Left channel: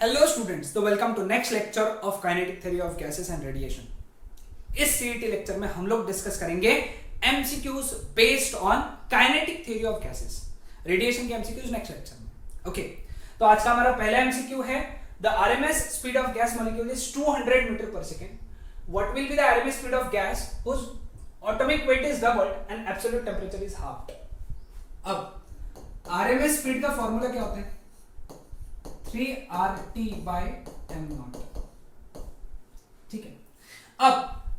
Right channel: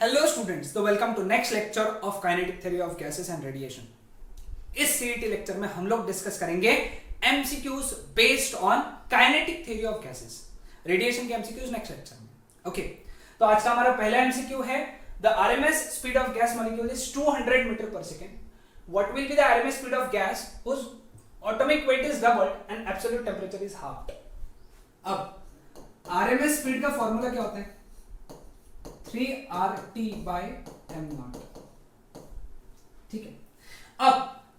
Hello students, तो welcome to next lecture of kinetic theory of gases and radiation. इस CET lecture में हम लोग डिस्कस करेंगे MCQs based on kinetic theory of gases, radiation के MCQs next lecture में। Okay, तो आज का हमारा पहला एमसीक्यू है the RMS speed of gas molecule is 200 meter पर second. What will be the RMS speed of gas whose atomic weight is doubled and absolute temperature is half. अब RMS speed का formula क्या होता है? 3RT by m0। ठीक है, अब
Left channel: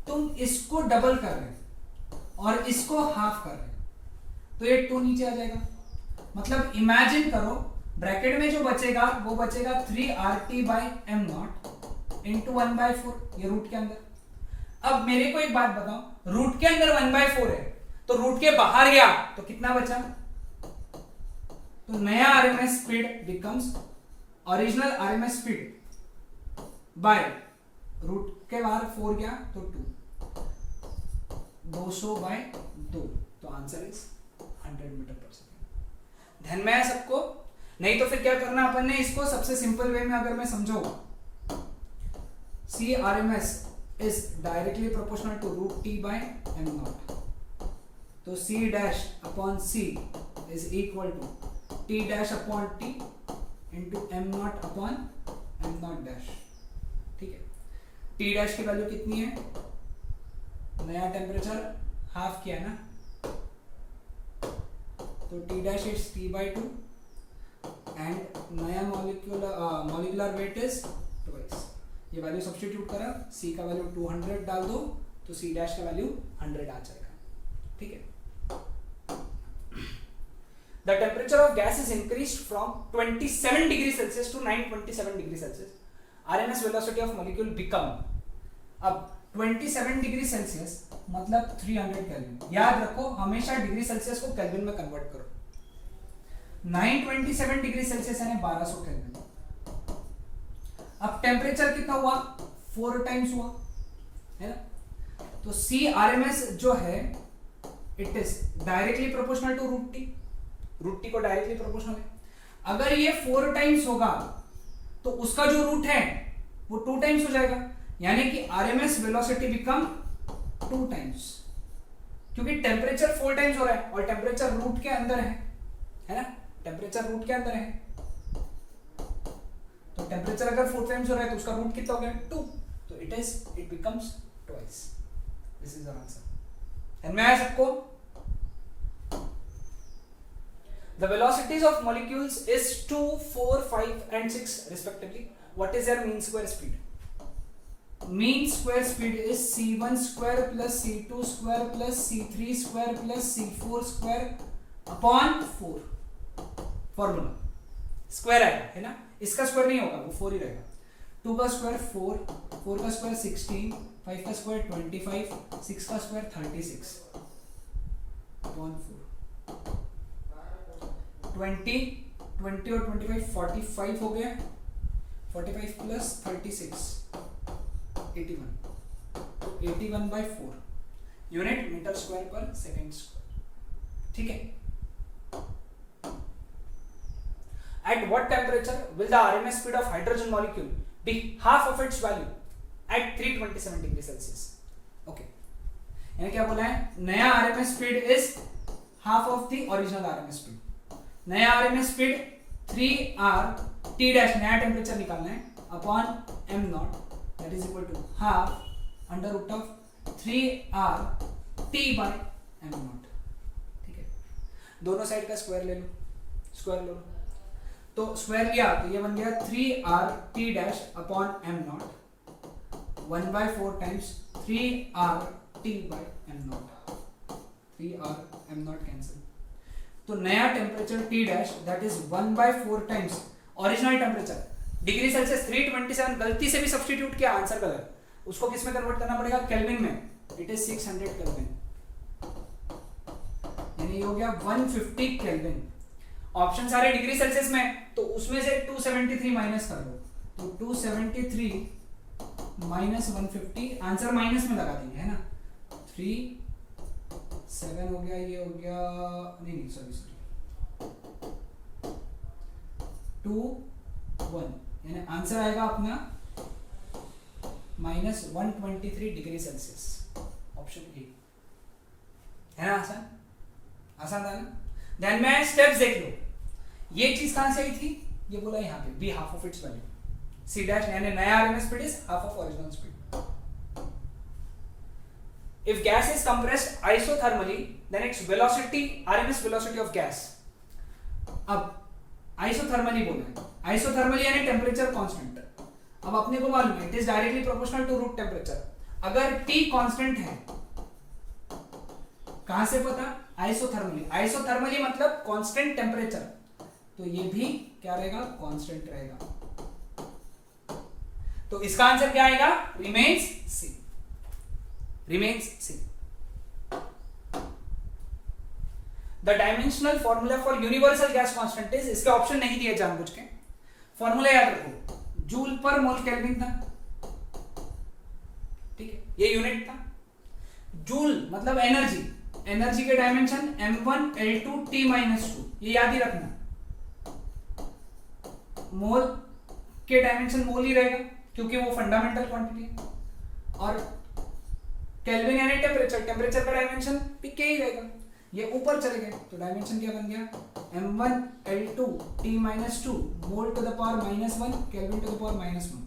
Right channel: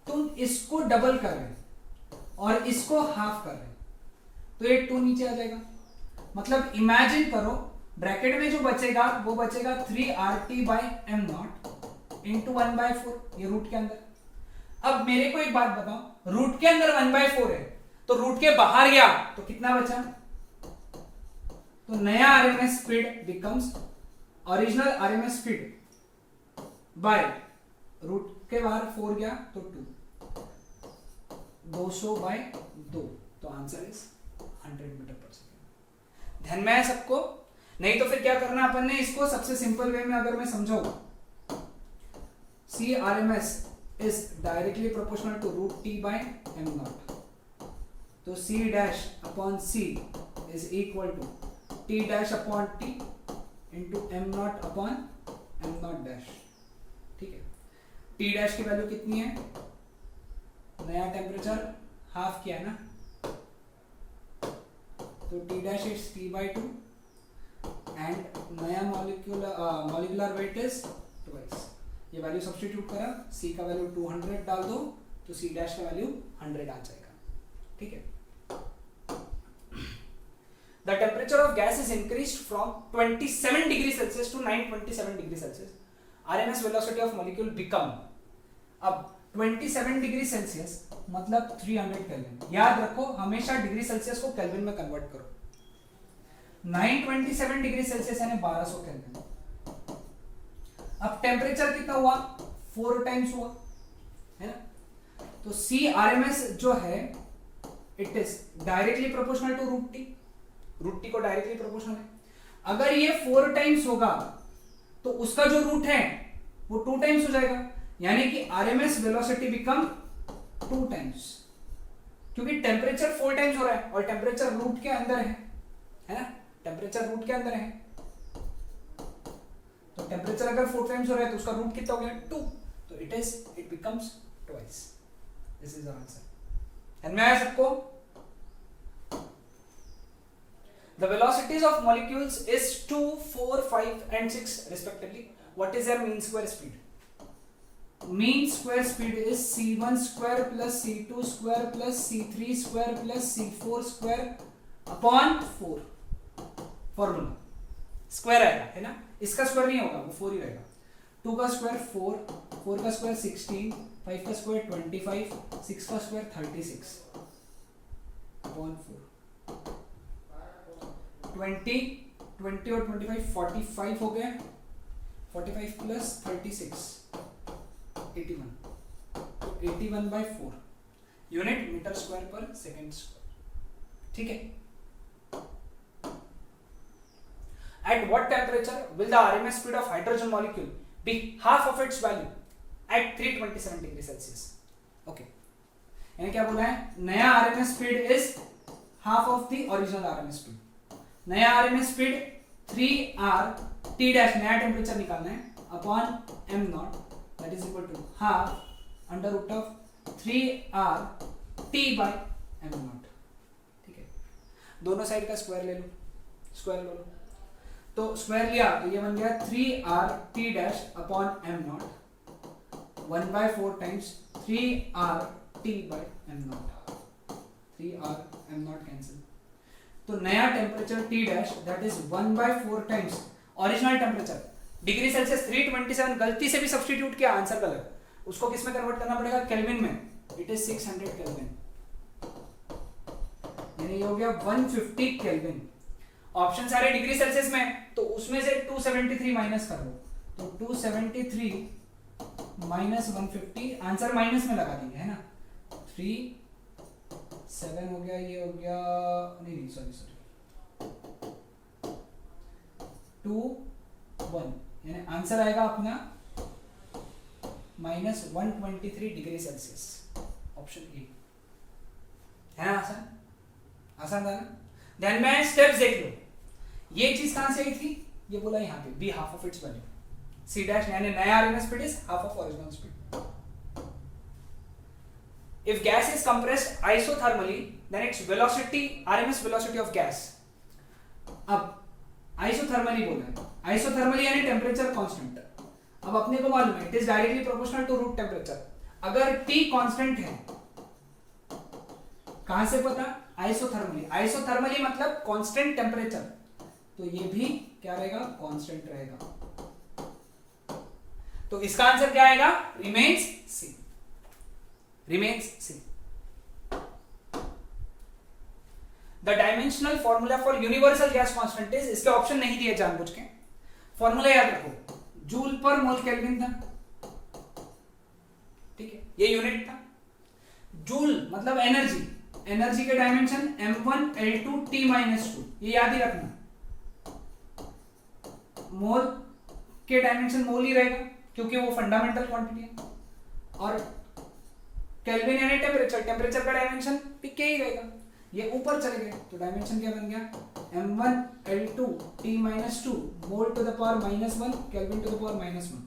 तुम इसको डबल कर रहे हो और इसको हाफ कर रहे हो तो ये 2 नीचे आ जाएगा। मतलब इमेजिन करो, ब्रैकेट में जो बचेगा वो बचेगा 3RT by m0 इंटू 1/4, ये रूट के अंदर। अब मेरे को एक बात बताओ, रूट के अंदर 1/4 है तो रूट के बाहर गया तो कितना बचा? तो नया RMS speed becomes original RMS speed by root के बाहर 4 गया तो 200 बाय 2, तो आंसर इज 100 मीटर पर सेकेंड। ध्यान में है सबको? नहीं तो फिर क्या करना अपन ने, इसको सबसे सिंपल वे में अगर मैं समझाऊं, C RMS is directly proportional to root T by m0, तो c dash upon c is equal to t dash upon t into m0 upon m0 dash. ठीक है, t डैश की वैल्यू कितनी है? नया टेम्परेचर हाफ किया ना, तो t dash is t/2 and नया मॉलिक्यूलर वेट इज ट्वाइस। ये वैल्यू सब्स्टिट्यूट करा, c का वैल्यू 200 डाल दो तो c डैश का वैल्यू 100 आ जाएगा। ठीक है, the temperature of gas is increased from 27 degree Celsius to 927 degree Celsius. RMS velocity of molecule become, अब 27 डिग्री सेल्सियस मतलब 300 केल्विन। याद रखो, हमेशा डिग्री सेल्सियस को केल्विन में कन्वर्ट करो। 927 डिग्री सेल्सियस यानी 1200 केल्विन। अब टेम्परेचर कितना हुआ? 4 टाइम्स हुआ, है ना? तो सी आरएमएस जो है it is directly proportional to root T. Root T को डायरेक्टली प्रोपोर्शनल है। अगर ये 4 टाइम्स होगा तो उसका जो रूट है वो 2 टाइम्स हो जाएगा, यानी कि आरएमएस वेलोसिटी बिकम 2 टाइम्स, क्योंकि टेम्परेचर 4 टाइम्स हो रहा है और टेम्परेचर रूट के अंदर है ना? टेम्परेचर रूट के अंदर है, तो टेम्परेचर अगर 4 टाइम्स हो रहा है तो उसका रूट कितना हो गया? 2, तो it becomes twice. This is the answer. समझ में आया सबको? The velocities of molecules is 2, 4, 5 and 6 respectively. What is their mean square speed? Mean square speed is c1 square plus c2 square plus c3 square plus c4 square upon 4। Formula square आएगा, है ना? इसका square नहीं होगा, वो 4 ही रहेगा। 2 का square 4, 4 का स्क्वायर 16, 5 का स्क्वायर 25, 6 का स्क्वायर 36 upon 4। 20 और 25 45 हो गया, 45 प्लस 36 81, तो 81/4 यूनिट मीटर स्क्वायर पर सेकेंड स्क्वायर। ठीक है, at what temperature will the RMS speed of hydrogen molecule be half of its value at 327 degree Celsius? Okay, यानी क्या बोला है? नया RMS speed is half of the original RMS speed। नया RMS speed 3RT dash, नया temperature निकालना है, upon m0 that is equal to half under root of 3RT by m0। ठीक है, दोनों साइड का स्क्वायर ले लो, स्क्वायर ले लो, तो स्क्वायर लिया तो ये बन गया 3RT dash upon m0 1/4 times 3RT by m0। 3R m0 cancel, तो नया टेम्परेचर T dash that is 1/4 times original temperature degree Celsius 327। गलती से भी सब्स्टिट्यूट किया, आंसर गलत, उसको किस में कन्वर्ट करना पड़ेगा? केल्विन में। इट इज 600 केल्विन, यानी ये हो गया 150 केल्विन। ऑप्शन सारे डिग्री सेल्सियस में, तो उसमें से 273 माइनस कर दो, तो 273 माइनस 150, आंसर माइनस में लगा देंगे, है ना? 7 हो गया, ये हो गया, नहीं सॉरी 2 1 यानी आंसर आएगा अपना -123 डिग्री सेल्सियस, ऑप्शन ए है ना। आसान आसान था ना। ध्यान में स्टेप्स देख लो, ये चीज कहां से आई थी, ये बोला यहाँ पे be half of its value, C dash यानी नया RMS speed is half of original speed. If gas is compressed isothermally, then its velocity, RMS velocity of gas. अब isothermally बोल रहे हैं, isothermally यानी टेम्परेचर कांस्टेंट। अब अपने को मालूम है it is directly proportional to root temperature. अगर T कांस्टेंट है, कहां से पता, आइसोथर्मली। आइसोथर्मली मतलब कांस्टेंट टेम्परेचर, तो ये भी क्या रहेगा, कांस्टेंट रहेगा। तो इसका आंसर क्या आएगा, remains C, remains C. The dimensional formula for universal gas constant is, इसके ऑप्शन नहीं दिए जानबूझ के, फॉर्मूला याद रखो, जूल पर मोल केल्विन था, ठीक है, ये यूनिट था। जूल मतलब एनर्जी, एनर्जी के डायमेंशन m1 l2 t -2, ये याद ही रखना। मोल के डायमेंशन मोल ही रहेगा क्योंकि वो फंडामेंटल क्वांटिटी है, और केल्विन यानी टेम्परेचर, टेम्परेचर का डायमेंशन भी क्या ही रहेगा, ये ऊपर चले गए तो डायमेंशन क्या बन गया, m1 l2 t -2 mole to the power -1 kelvin to the power -1।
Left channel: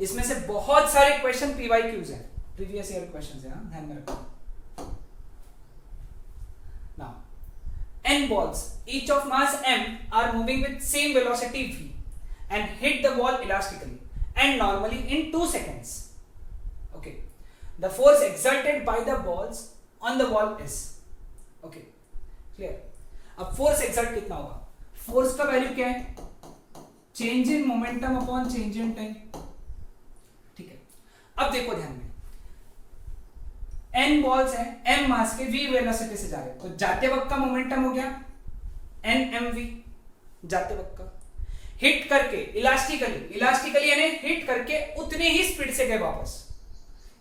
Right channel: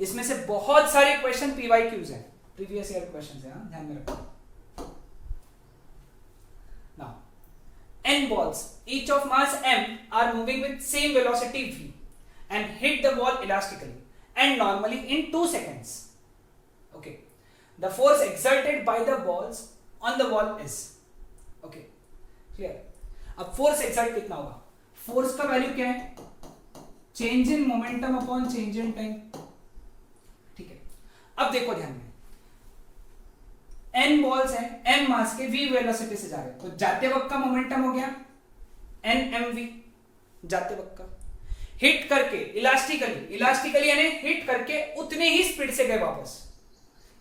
इसमें से बहुत सारे क्वेश्चन पीवाईक्यूज हैं, प्रीवियस ईयर क्वेश्चंस हैं, ध्यान में रखो। नाउ n balls each of mass m are moving with same velocity v and hit the wall elastically and normally in 2 seconds. Okay, the force exerted by the balls on the wall is, okay clear। अब force exert कितना होगा, force का value क्या है, change in momentum upon change in time, ठीक है। अब देखो ध्यान में, n बॉल्स हैं, m मास के v वेलोसिटी से जा रहे हैं, तो जाते वक्त का मोमेंटम हो गया n mv, जाते वक्त का, हिट करके इलास्टिकली, इलास्टिकली यानी हिट करके उतने ही स्पीड से गए वापस।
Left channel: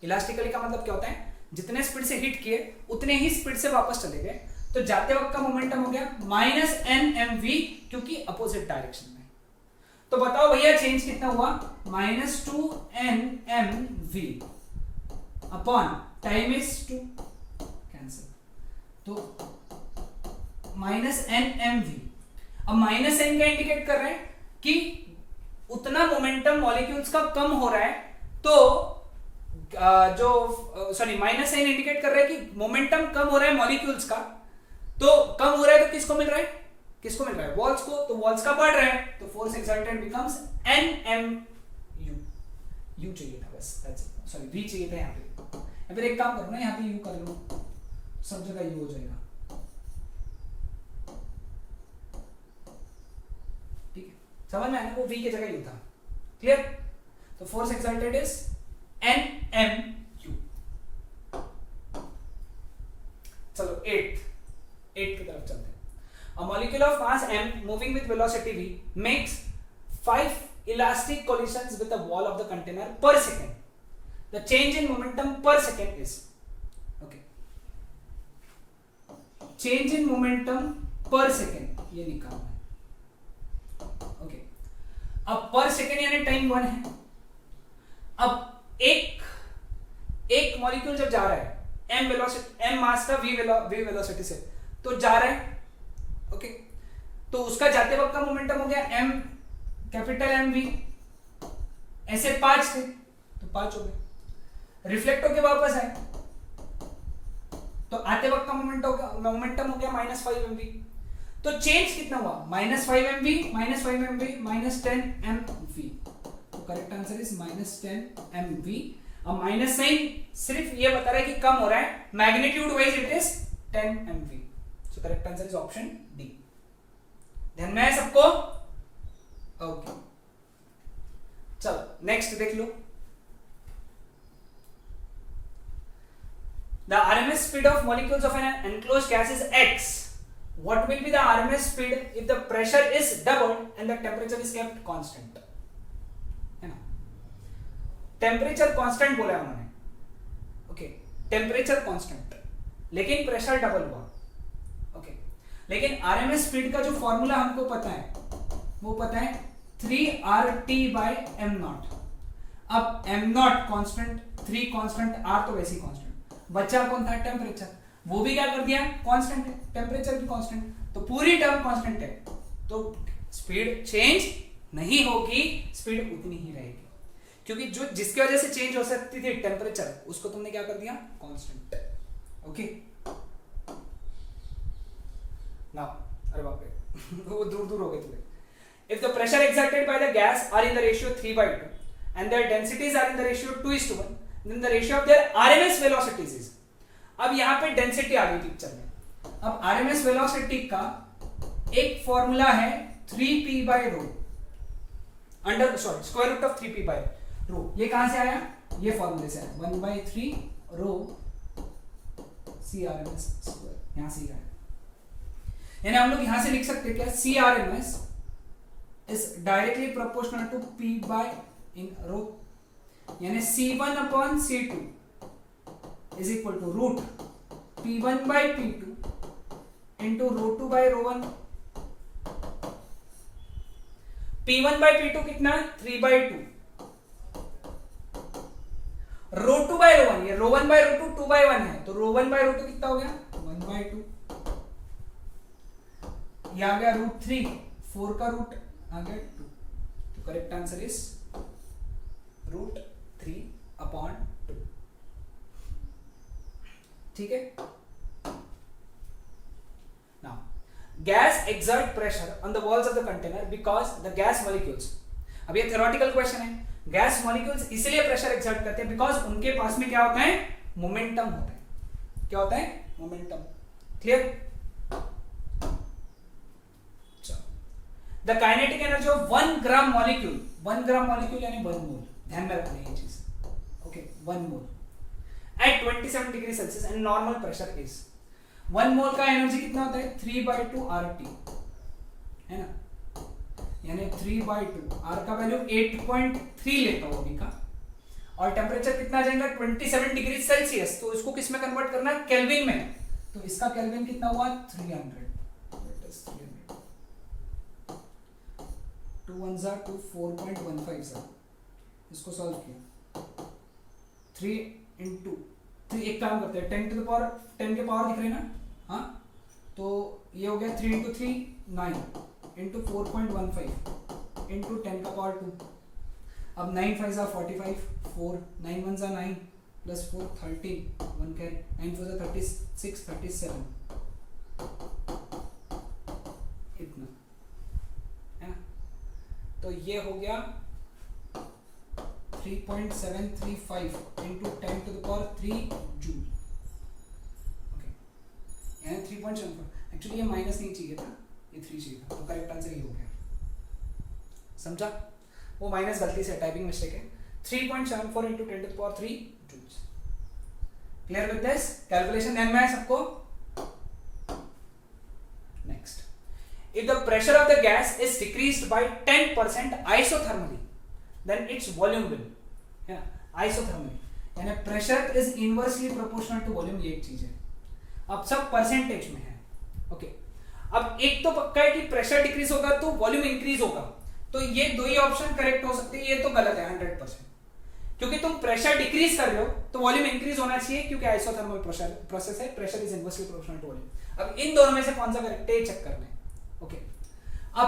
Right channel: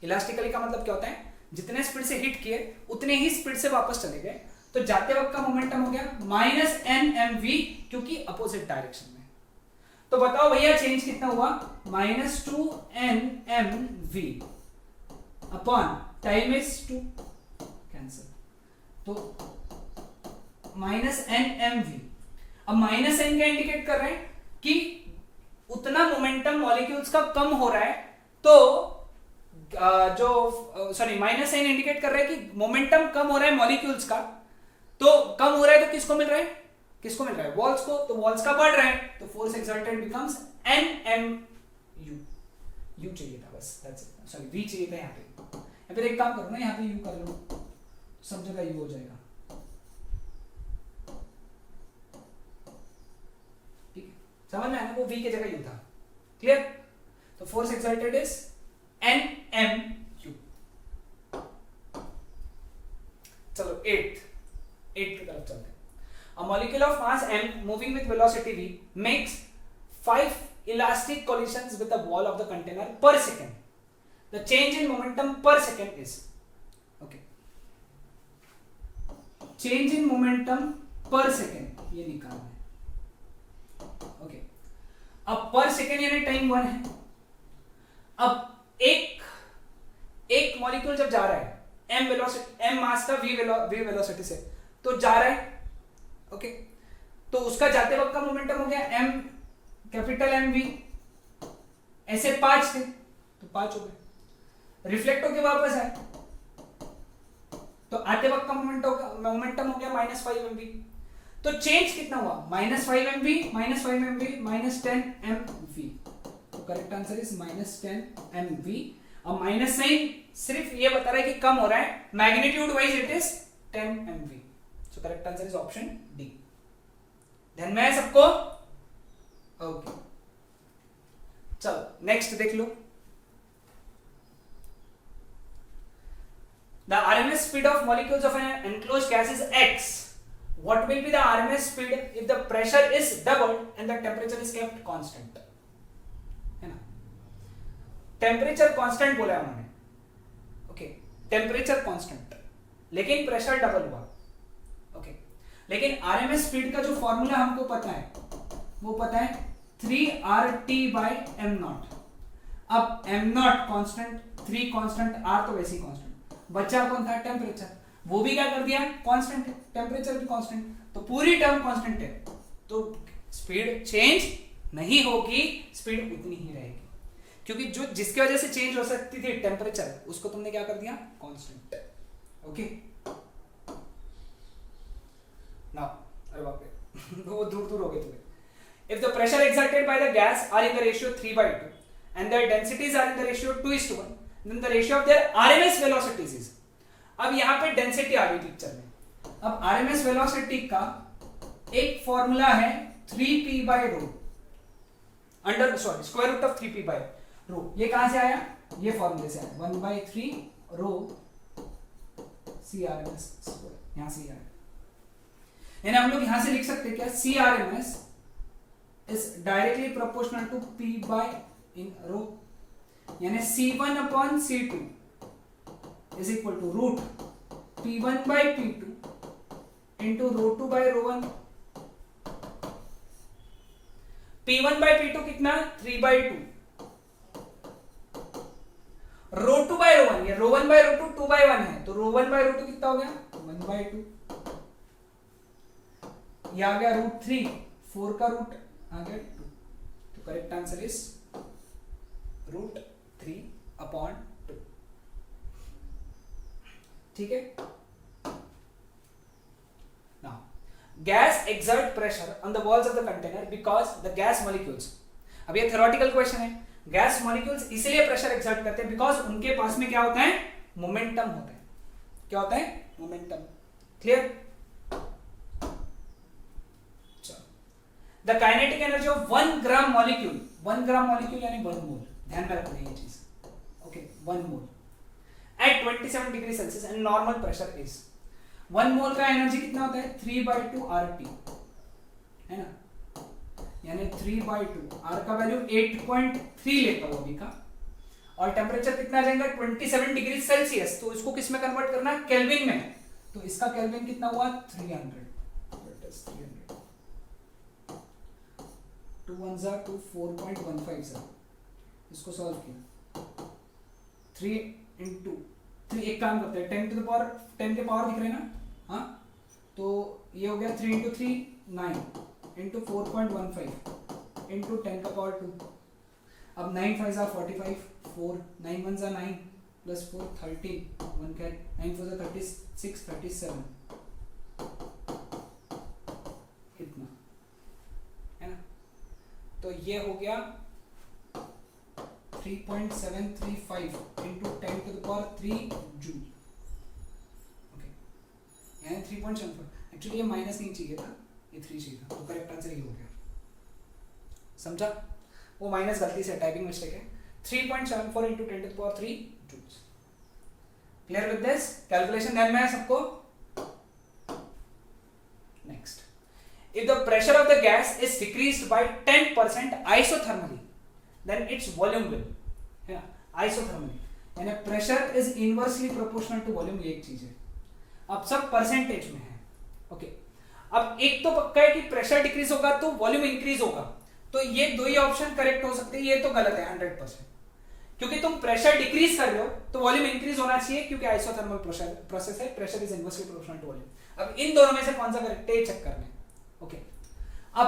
इलास्टिकली का मतलब क्या होता है, जितने स्पीड से हिट किए उतने ही स्पीड से वापस चले गए, तो जाते वक्त का मोमेंटम हो गया -nmv, क्योंकि अपोजिट डायरेक्शन में। तो बताओ भैया चेंज कितना हुआ, -2nmv upon time is 2, cancel, तो -nmv। अब -n का इंडिकेट कर रहे हैं कि उतना मोमेंटम मॉलिक्यूल्स का कम हो रहा है, तो जो सॉरी -n इंडिकेट कर रहा है कि मोमेंटम कम हो रहा है मॉलिक्यूल्स का, तो कम हो रहा है तो किसको मिल रहा है, किसको मिल रहा है, वॉल्स को, तो वॉल्स का बढ़ रहा है, तो force exerted becomes nmu, u चाहिए था बस, सॉरी v चाहिए था यहाँ पे, या फिर एक काम करो ना, यहाँ पे u कर लो, सब जगह u हो जाएगा, ठीक है, समझ में आया ना, वो v की जगह u था, क्लियर। तो फोर्स एक्सर्टेड इज nmu। चलो 8 की तरफ चलते हैं। A molecule of mass m moving with velocity v makes 5 elastic collisions with the wall of the container per second. The change in momentum per second is, okay, change in momentum per second ये निकालना है, okay। अब per second यानी time 1 है। अब एक molecule जब जा रहा है m वेलोसिटी, m मास का v वेलोसिटी से, तो जा रहा है, ओके, तो उसका जाते वक्त का मोमेंटम हो गया m कैपिटल mv, ऐसे 5 थे तो 5 हो गए, रिफ्लेक्ट होके वापस आए तो आते वक्त का मोमेंटम हो गया -5mv। तो चेंज कितना हुआ, -5mv -10mv, तो करेक्ट आंसर इज -10mv। अब माइनस साइन सिर्फ ये बता रहा है कि कम हो रहा है, magnitude wise it is 10mv, so correct answer is option D. ध्यान में है सबको, ओके। चलो नेक्स्ट देख लो, the RMS speed of molecules of an enclosed gas is x. What will be the RMS speed if the pressure is doubled and the temperature is kept constant? है ना, temperature constant बोला है उन्होंने, okay, temperature constant, लेकिन pressure double हुआ, okay. लेकिन RMS speed का जो फॉर्मूला हमको पता है, वो पता है 3RT by m नॉट। अब m not constant, 3 constant, r तो वैसे ही कांस्टेंट, बचा कौन था? टेम्परेचर, वो भी क्या कर दिया? कांस्टेंट है, टेम्परेचर भी कांस्टेंट, तो पूरी टर्म कांस्टेंट है, तो स्पीड चेंज नहीं होगी, स्पीड उतनी ही रहेगी, क्योंकि जो जिसकी वजह से चेंज हो सकती थी टेम्परेचर, उसको तुमने क्या कर दिया? कांस्टेंट। ओके नाउ, अरे बाप रे वो दूर दूर हो गए थोड़े। If the pressure exerted by the gas are in the ratio 3/2 and their densities are in the ratio 2:1, then the ratio of their RMS velocities is, अब यहाँ पे डेंसिटी आ गई पिक्चर में। अब RMS वेलोसिटी का एक फॉर्मूला है 3p by rho under square root of 3p by rho। ये कहां से आया? ये फॉर्मूले से आया, 1/3 rho CRMS स्क्वायर, यहां से आया। यानी हम लोग यहां से लिख सकते हैं क्या? CRMS is directly proportional to p by in rho, यानी C1 upon C2 is equal to root P1 by P2 into rho 2 by rho 1। P1 by P2 कितना? 3/2, rho 2 by rho 1, ये rho 1 by rho 2 2/1 है, तो rho 1 by rho 2 कितना हो गया? 1/2। ये आ गया रूट 3, 4 का रूट आ गया 2, तो correct answer is root 3 upon 2। ठीक है। Now gas exert pressure on the walls of the container because the gas molecules, अब ये थ्योरेटिकल क्वेश्चन है, गैस मॉलिक्यूल्स इसलिए प्रेशर एक्सर्ट करते हैं बिकॉज उनके पास में क्या होता है? मोमेंटम होता है। क्या होता है? Momentum. Clear? The kinetic energy of 1 gram molecule, 1 gram molecule यानी 1 मोल, ध्यान में रखना ये चीज। Okay, 1 mole at 27 degree Celsius and normal pressure is, 1 mole का एनर्जी कितना होता है? 3/2 RT, है ना, यानी 3/2, R का वैल्यू 8.3 लेता हूं अभी का, और टेम्परेचर कितना जाएगा? 27 डिग्री सेल्सियस, तो इसको किस में कन्वर्ट करना है? केल्विन में, तो इसका केल्विन कितना हुआ? 300। 2 1 जा 2, 4.15 जा, इसको सॉल्व किया, 3 into 3, एक काम करते हैं, 10 to the power 10 के पावर दिख रहे हैं ना, हाँ, तो ये हो गया 3 into 3 9 into 4.15 into 10 का पावर 2, अब 9 5 जा 45, 4 9 1 जा 9 प्लस 4 13, 1 कैरी, 9 4 जा 36 37, इतना है ना, तो ये हो गया 3.735 into 10 to the power 3 joule. Okay, यानी 3.74, एक्चुअली ये माइनस नहीं चाहिए था, ये 3 चाहिए था, तो करेक्ट आंसर ये हो गया। समझा? वो माइनस गलती से टाइपिंग मिस्टेक है। 3.74 into 10 to the power 3 joules. Clear with this? Calculation ध्यान में है सबको? Next, if the pressure of the gas is decreased by 10% isothermally, then its volume will, है ना, isothermally, यानी pressure is inversely proportional to volume, ये एक चीज है। अब सब परसेंटेज में है। ओके, अब एक तो पक्का है कि प्रेशर डिक्रीज होगा तो वॉल्यूम इंक्रीज होगा, तो ये दो ही ऑप्शन करेक्ट हो सकते हैं, ये तो गलत है 100%, क्योंकि तुम प्रेशर डिक्रीज कर रहे हो तो वॉल्यूम इंक्रीज होना चाहिए, क्योंकि आइसोथर्मल प्रोसेस है, pressure is inversely proportional to volume. अब इन दोनों में से कौन सा करेक्ट है चेक करना है। ओके, अब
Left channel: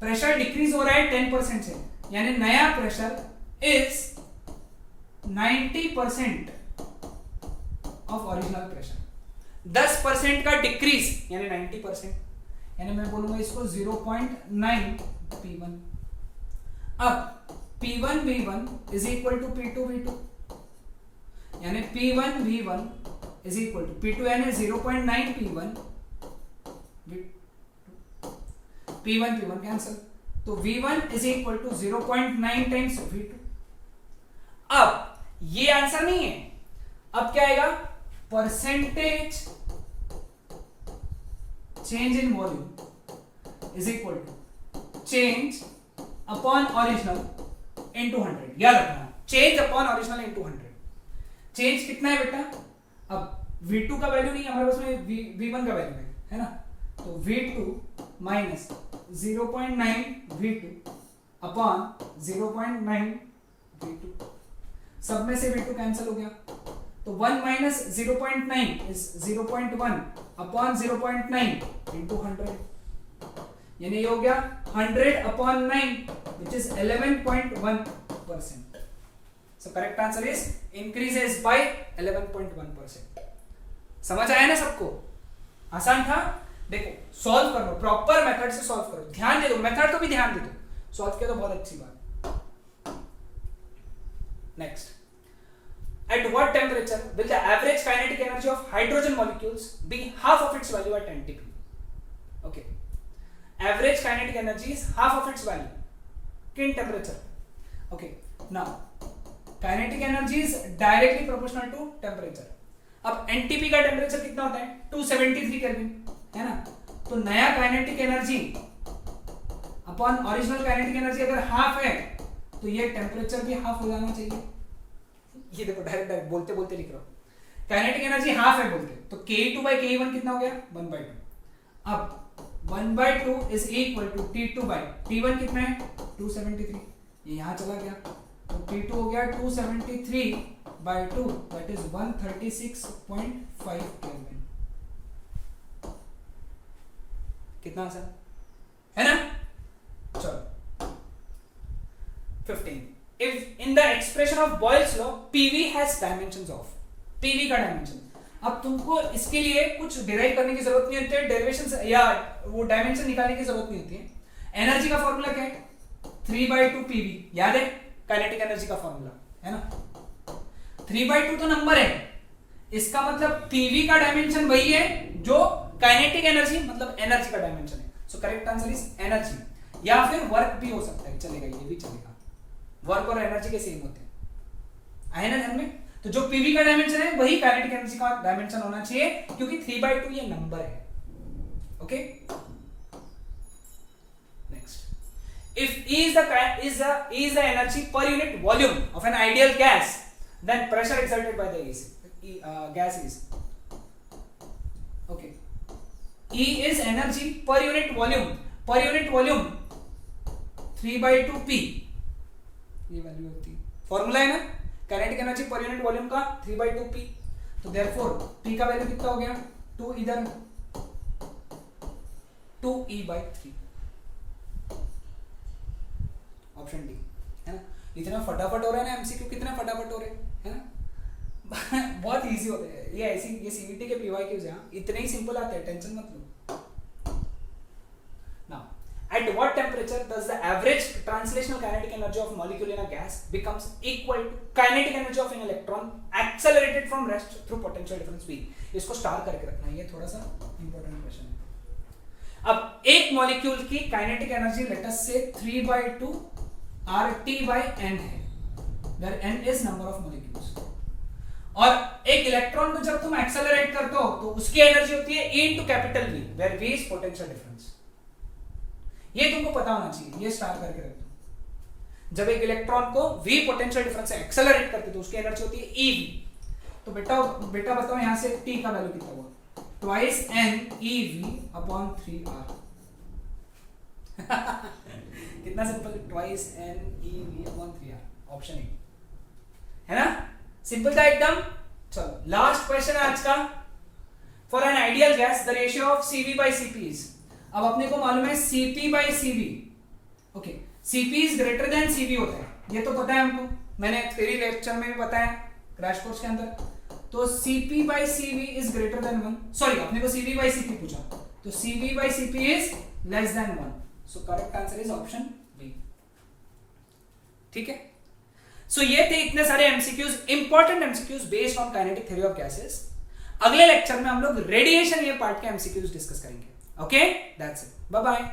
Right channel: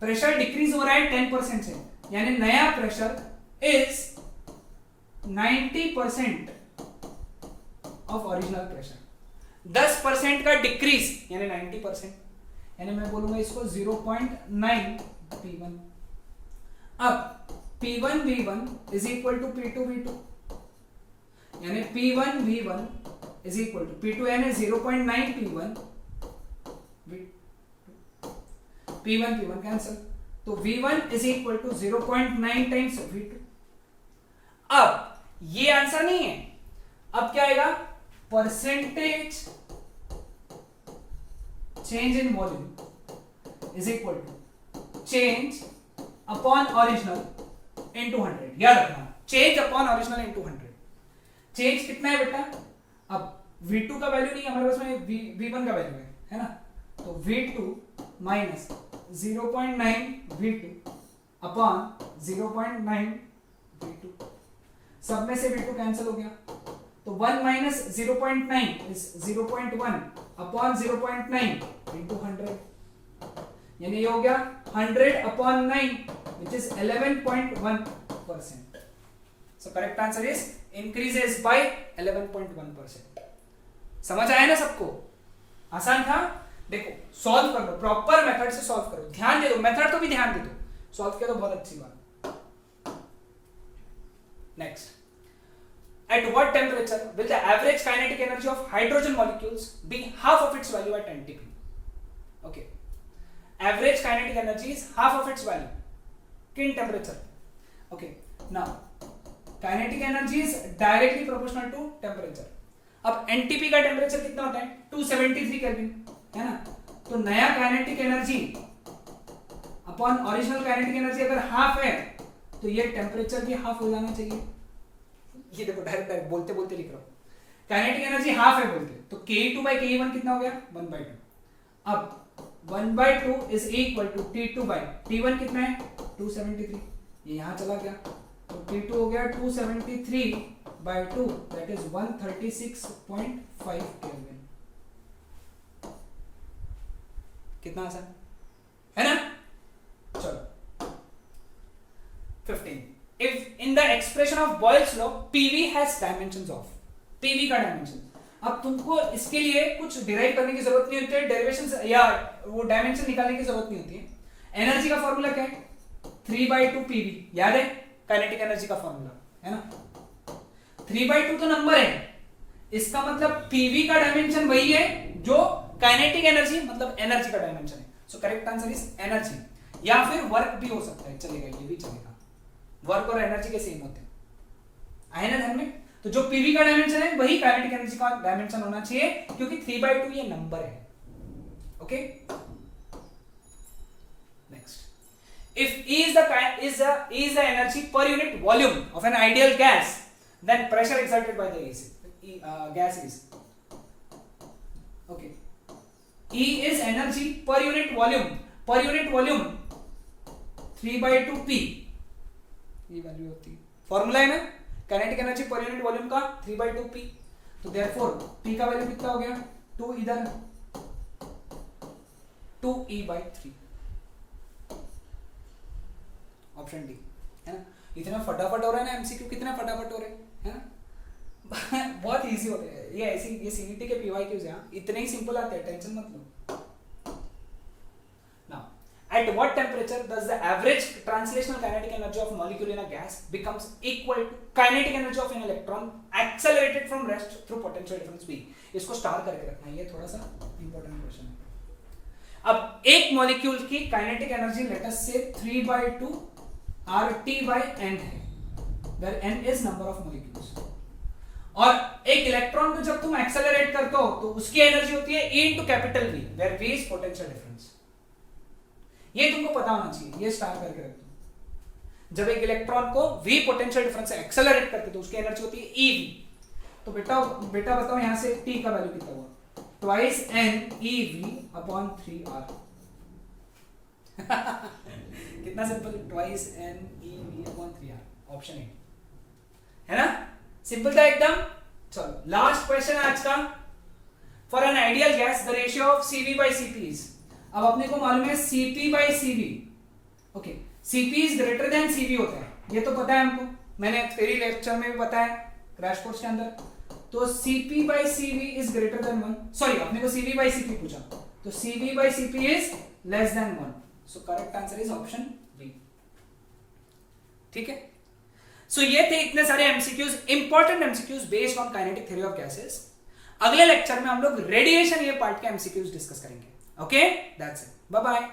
प्रेशर डिक्रीज हो रहा है 10% से, यानी नया pressure is 90% of original pressure. 10% का डिक्रीज यानी 90%, यानी मैं बोलूंगा इसको 0.9 P1। अब P1 V1 is equal to P2 V2, यानी P1 V1 is equal to P2, यानी 0.9 P1 P1 P1 कैंसल, तो V1 is equal to 0.9 times V2। अब ये आंसर नहीं है, अब क्या आएगा? Percentage change in volume is equal to change upon original into 100। याद रखना, change upon original into 100। Change कितना है बेटा? अब V2 का वैल्यू नहीं है हमारे पास में, V1 का वैल्यू है ना, तो V2 minus 0.9 V2 upon 0.9 V2, सब में से V2 कैंसिल हो गया, तो 1 माइनस 0.9 इज 0.1 अपॉन 0.9 इंटू 100, यानी ये हो गया 100 upon 9 which is 11.1%. So correct answer is increases by 11.1%. समझ आया ना सबको? आसान था? देखो सॉल्व कर लो, प्रॉपर मेथड से सॉल्व करो, ध्यान दे दो, मेथड को भी ध्यान दे दो, सॉल्व किया तो बहुत अच्छी बात. Next, at what temperature will the average kinetic energy of hydrogen molecules be half of its value at NTP? Okay, average kinetic energy is half of its value in temperature. Okay, now kinetic energy is directly proportional to temperature. अब NTP का temperature कितना होता है? 273 kelvin, है ना? तो नया kinetic energy upon original kinetic energy अगर हाफ है तो ये टेम्परेचर भी हाफ हो जाना चाहिए. ये देखो डायरेक्ट बोलते बोलते लिख रहा हूं, काइनेटिक एनर्जी हाफ है बोलते, तो Ke2 by Ke1 कितना हो गया? 1/2. अब 1/2 is equal to T2 by T1 कितना है? 273. ये यहां चला गया, तो T2 हो गया 273/2, दैट इज 136.5 केल्विन. कितना आसान है ना? चलो 15. If in the expression of Boyle's law PV has dimensions of, PV का डायमेंशन, अब तुमको इसके लिए कुछ डिराइव करने की जरूरत नहीं होती है, डेरिवेशंस या वो डायमेंशन निकालने की जरूरत नहीं होती है. एनर्जी का फॉर्मूला क्या है? 3/2 PV, याद है? काइनेटिक एनर्जी का फॉर्मूला है ना? 3/2 तो नंबर है, इसका मतलब PV का डायमेंशन वही है जो काइनेटिक एनर्जी मतलब एनर्जी का डायमेंशन है. सो करेक्ट आंसर इज एनर्जी, या फिर वर्क भी हो सकता है, चलेगा, ये भी चलेगा. वर्क और एनर्जी के सेम होते हैं, आए ना ध्यान में? तो जो पीवी का डायमेंशन है वही काइनेटिक एनर्जी का डायमेंशन होना चाहिए, क्योंकि 3/2 ये नंबर है. Okay, next, if E is the energy per unit volume of an ideal gas, then pressure exerted by the gas is, okay, E is energy per unit volume 3/2 P, ये value होती है, formula है ना kinetic energy per unit volume का 3/2 P. तो therefore P का value कितना हो गया? 2 इधर 2E/3, ऑप्शन डी, है ना? इतना फटाफट हो रहा है ना एमसीक्यू, कितना फटाफट हो रहे हैं ना? बहुत इजी होते हैं ये, ऐसी ये सीईटी के पीवाईक्यूज हैं, इतने ही सिंपल आते हैं, टेंशन मत लो. At what temperature does the average translational kinetic energy of a molecule in a gas becomes equal to kinetic energy of an electron accelerated from rest through potential difference V? इसको star करके रखना, ये थोड़ा सा important question है. अब एक molecule की काइनेटिक एनर्जी लेट अस से 3/2 RT/N है, where N is number of molecules. और एक इलेक्ट्रॉन को जब तुम एक्सेलरेट करते हो तो उसकी एनर्जी होती है E into capital V, where V is potential difference. ये तुमको पता होना चाहिए, ये स्टार करके रख दो. जब एक इलेक्ट्रॉन को V पोटेंशियल डिफरेंस से एक्सेलरेट करते तो उसकी एनर्जी होती है EV. तो बेटा बताओ यहां से T का वैल्यू कितना हुआ? Twice N EV/3R. कितना simple, twice N EV/3R, option A, है ना? सिंपल था एकदम. चलो लास्ट क्वेश्चन है आज का. For an ideal gas the ratio of CV/Cp is, अब अपने को मालूम है Cp/Cv. Okay, Cp is greater than Cv होता है, ये तो पता है हमको, मैंने थ्योरी लेक्चर में भी बताया क्रैश कोर्स के अंदर. तो Cp/Cv is greater than 1, sorry अपने को Cv/Cp पूछा, तो Cv/Cp is less than 1. So correct answer is option B. ठीक है, सो ये थे इतने सारे MCQs, important MCQs based on kinetic theory of gases. अगले लेक्चर में हम लोग रेडिएशन ये पार्ट के एमसीक्यूज डिस्कस करेंगे. Okay, that's it. Bye bye.